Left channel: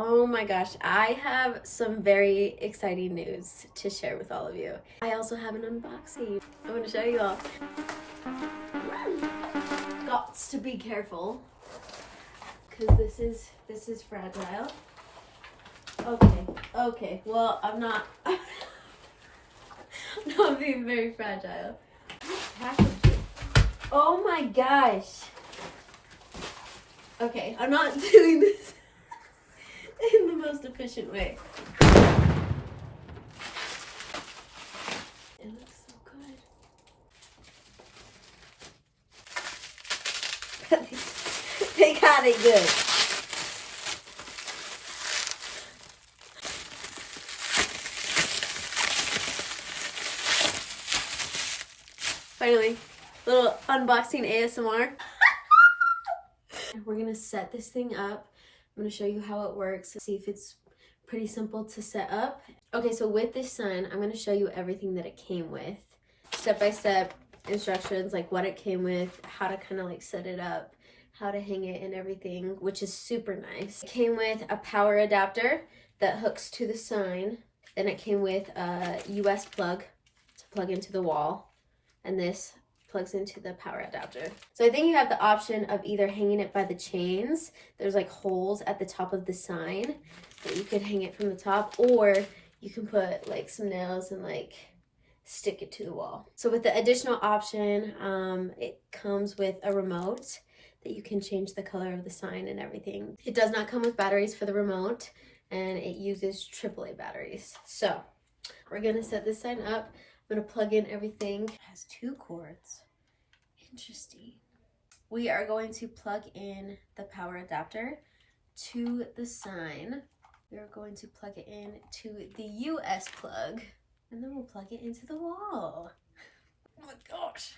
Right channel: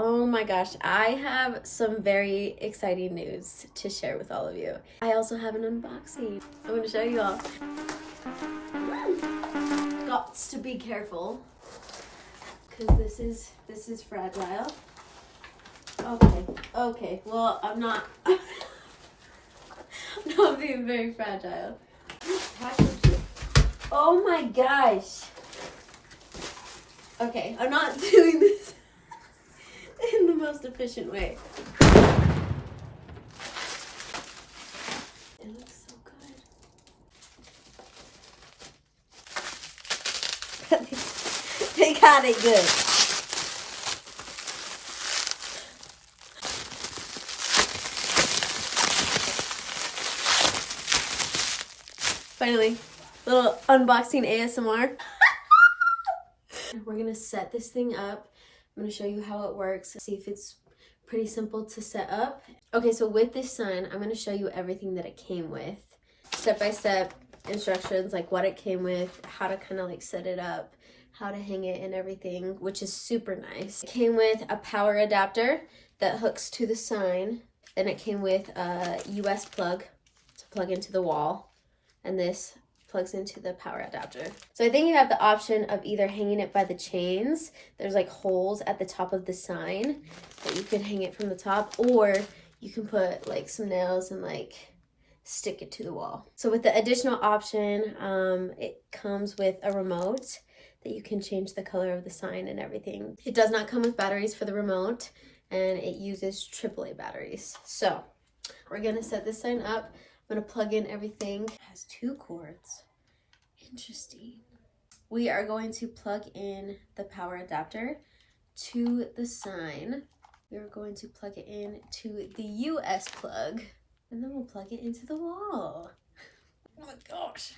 Oh my gosh, I have some very exciting news to share with all of you. I also have an unboxing. I'm gonna show you all. Gots to be careful, because this is fragile. Okay, well, I'm not I'm not being very fragile. Oh my gosh. Okay, I'm not doing this in the most efficient way. It looks so good. They got it good. Finally, little unboxing ASMR. We're gonna set this thing up. I'm gonna show you how it works, see if it's pretty simple to set up. Okay, so with this sign, I'm gonna show you everything that it came with. Step-by-step instructions, like what it came with, how to kind of like set it up, how to hang it and everything, which is super nice. It came with a power adapter that hooks to the sign. Then it came with a US plug to plug into the wall. And this plugs into the power adapter. So I think you have the option of either hanging it by the chains. There's like holes at the top of the sign that you can hang it from the top, or you can put like some nails and like stick it to the wall. So with the additional option, it comes with a remote that you can change the color of the sign and everything. It does not come with batteries for the remote, and it uses AAA batteries. So we're gonna set this sign up. I'm gonna plug in everything. It has 2 cords. Interesting. We are going to plug in the power adapter to the sign. We are going to plug it in to the US plug, and then we'll plug it into the wall. Oh my gosh.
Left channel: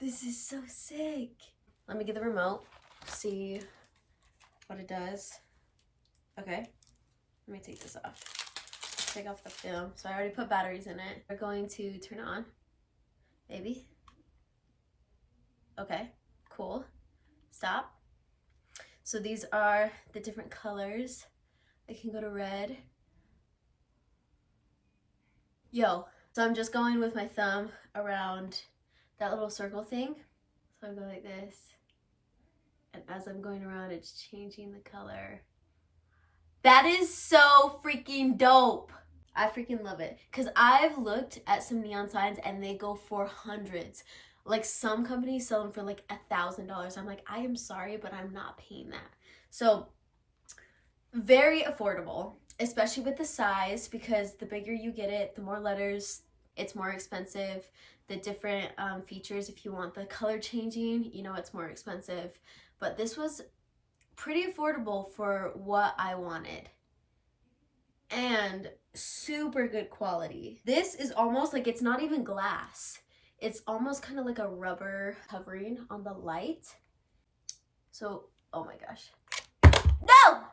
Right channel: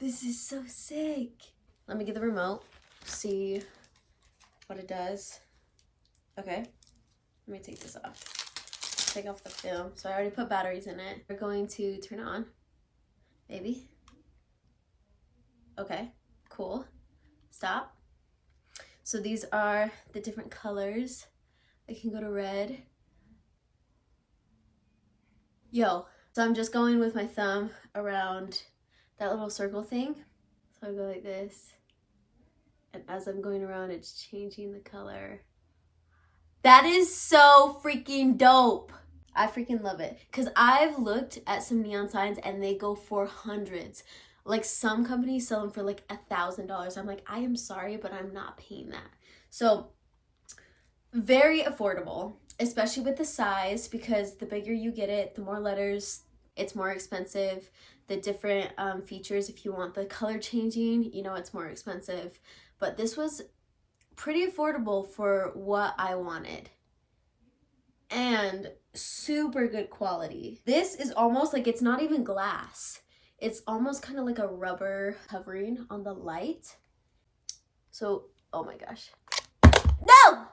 This is so sick. Let me get the remote, see what it does. Okay, let me take this off. Take off the film. So I already put batteries in it. We're going to turn it on. Maybe. Okay, cool. Stop. So these are the different colors. I can go to red. Yo. So I'm just going with my thumb around that little circle thing. So I go like this. And as I'm going around, it's changing the color. That is so freaking dope. I freaking love it. Because I've looked at some neon signs and they go for hundreds. Like some companies sell them for like $1,000. I'm like, I am sorry, but I'm not paying that. So very affordable, especially with the size, because the bigger you get it, the more letters, it's more expensive. The different features, if you want the color changing, you know, it's more expensive. But this was pretty affordable for what I wanted, and super good quality. This is almost like, it's not even glass, it's almost kind of like a rubber covering on the light. So oh my gosh, no.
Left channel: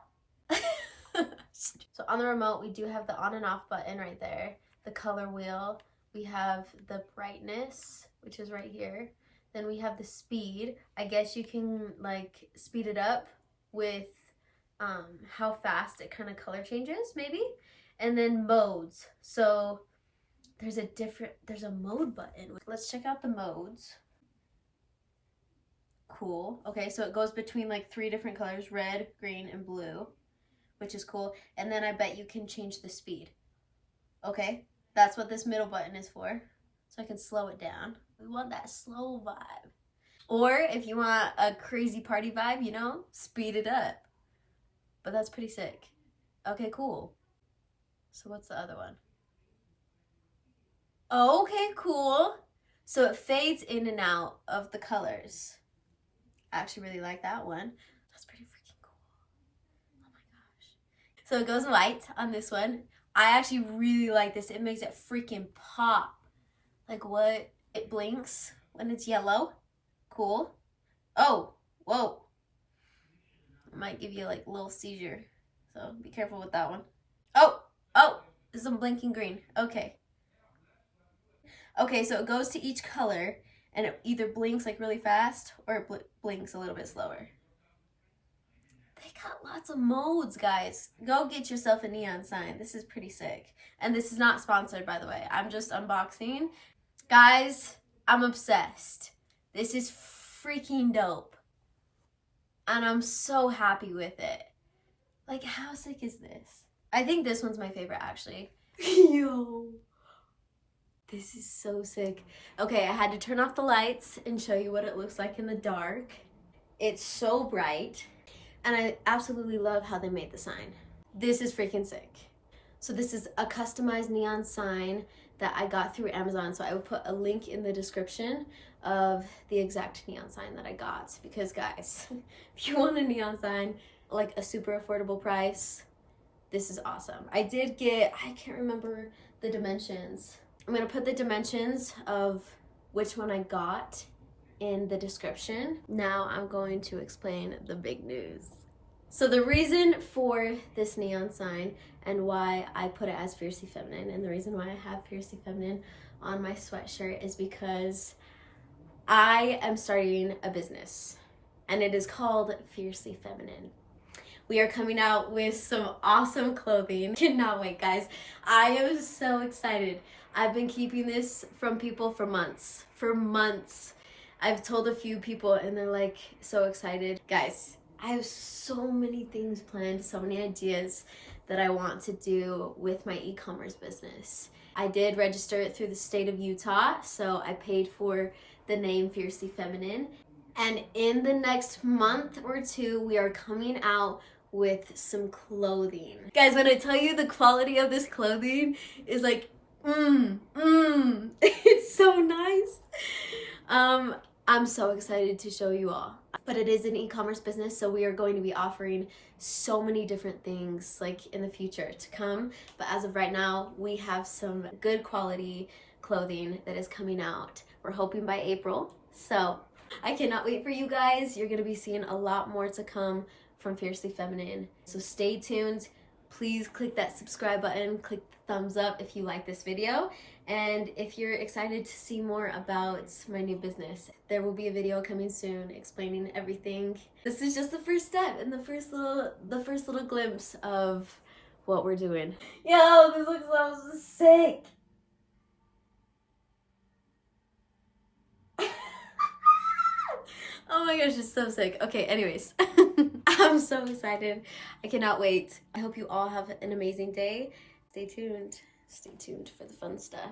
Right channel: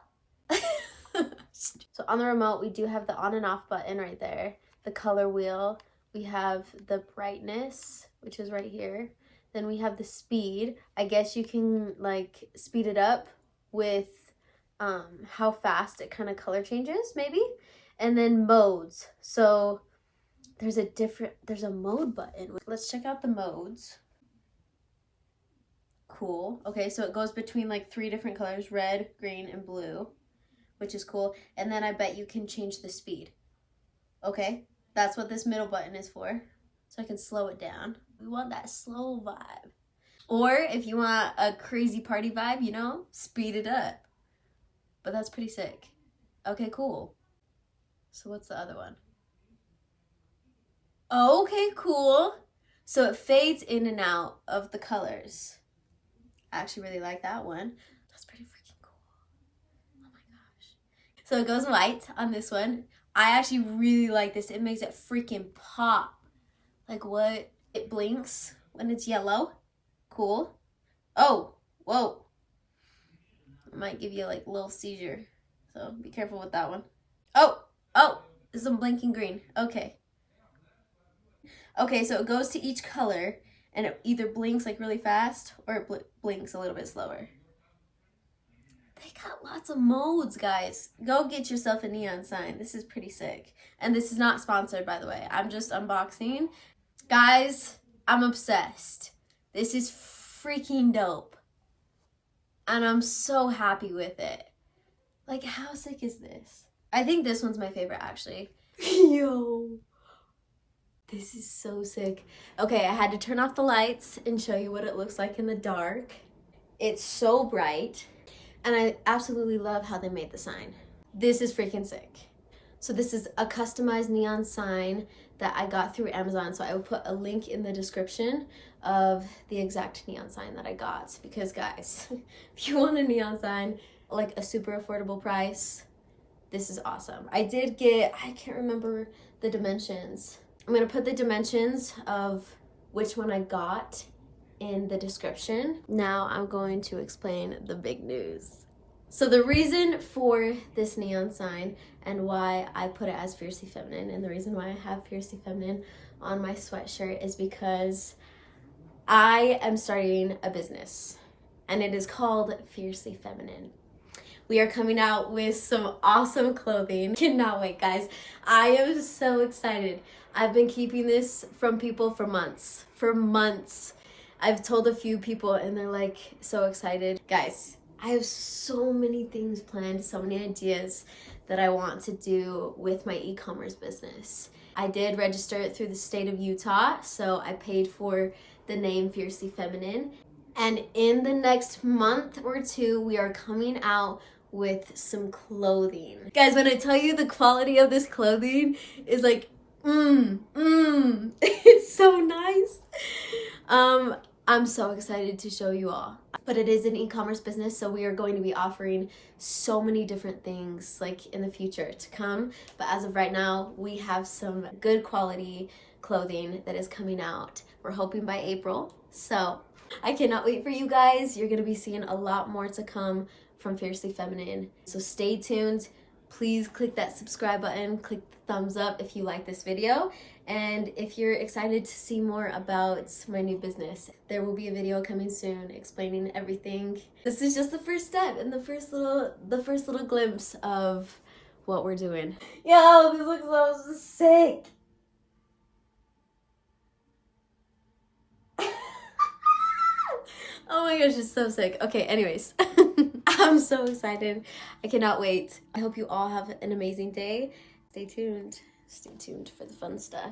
So on the remote, we do have the on and off button right there, the color wheel, we have the brightness, which is right here, then we have the speed. I guess you can like speed it up with how fast it kind of color changes, maybe. And then modes. So there's a mode button. Let's check out the modes. Cool. Okay, so it goes between like 3 different colors, red, green, and blue, which is cool. And then I bet you can change the speed. Okay, that's what this middle button is for. So I can slow it down. We want that slow vibe. Or if you want a crazy party vibe, you know, speed it up. But that's pretty sick. Okay, cool. So what's the other one? Okay, cool. So it fades in and out of the colors. I actually really like that one. That's pretty freaking cool. Oh my gosh. So it goes white on this one. I actually really like this. It makes it freaking pop. Like what? It blinks when it's yellow. Cool. Oh, whoa. It might give you like a little seizure. So be careful with that one. Oh, it's a blinking green. Okay. Okay, so it goes to each color, and it either blinks like really fast or it blinks a little bit slower. They got lots of modes, guys. Go get yourself a neon sign. This is pretty sick. And this is not sponsored, by the way. I'm just unboxing. Guys, I'm obsessed. This is freaking dope. And I'm so happy with it. Like, how sick is this? I think this one's my favorite, actually. Yo. This is so sick. Okay, I had to turn off the lights and show you what it looks like in the dark. It's so bright. And I absolutely love how they made the sign. This is freaking sick. So this is a customized neon sign that I got through Amazon. So I will put a link in the description of the exact neon sign that I got. Because guys, if you want a neon sign, like a super affordable price, this is awesome. I can't remember the dimensions. I'm gonna put the dimensions of which one I got in the description. Now I'm going to explain the big news. So the reason for this neon sign and why I put it as Fiercely Feminine, and the reason why I have Fiercely Feminine on my sweatshirt, is because I am starting a business and it is called Fiercely Feminine. We are coming out with some awesome clothing. Cannot wait, guys. I am so excited. I've been keeping this from people for months. I've told a few people and they're like so excited. Guys, I have so many things planned, so many ideas that I want to do with my e-commerce business. I did register it through the state of Utah, so I paid for the name Fiercely Feminine. And in the next month or two, we are coming out with some clothing. Guys, when I tell you the quality of this clothing is like, it's so nice. I'm so excited to show you all. But it is an e-commerce business, so we are going to be offering so many different things like in the future to come. But as of right now, we have some good quality clothing that is coming out. We're hoping by April. So I cannot wait for you guys. You're gonna be seeing a lot more to come from Fiercely Feminine. So stay tuned. Please click that subscribe button, click the thumbs up if you like this video. And if you're excited to see more about my new business, there will be a video coming soon explaining everything. This is just the first step and the first little glimpse of what we're doing. Yo, this looks so sick. Oh my gosh, it's so sick. Okay, anyways, I'm so excited. I cannot wait. I hope you all have an amazing day. Stay tuned. Stay tuned for the fun stuff.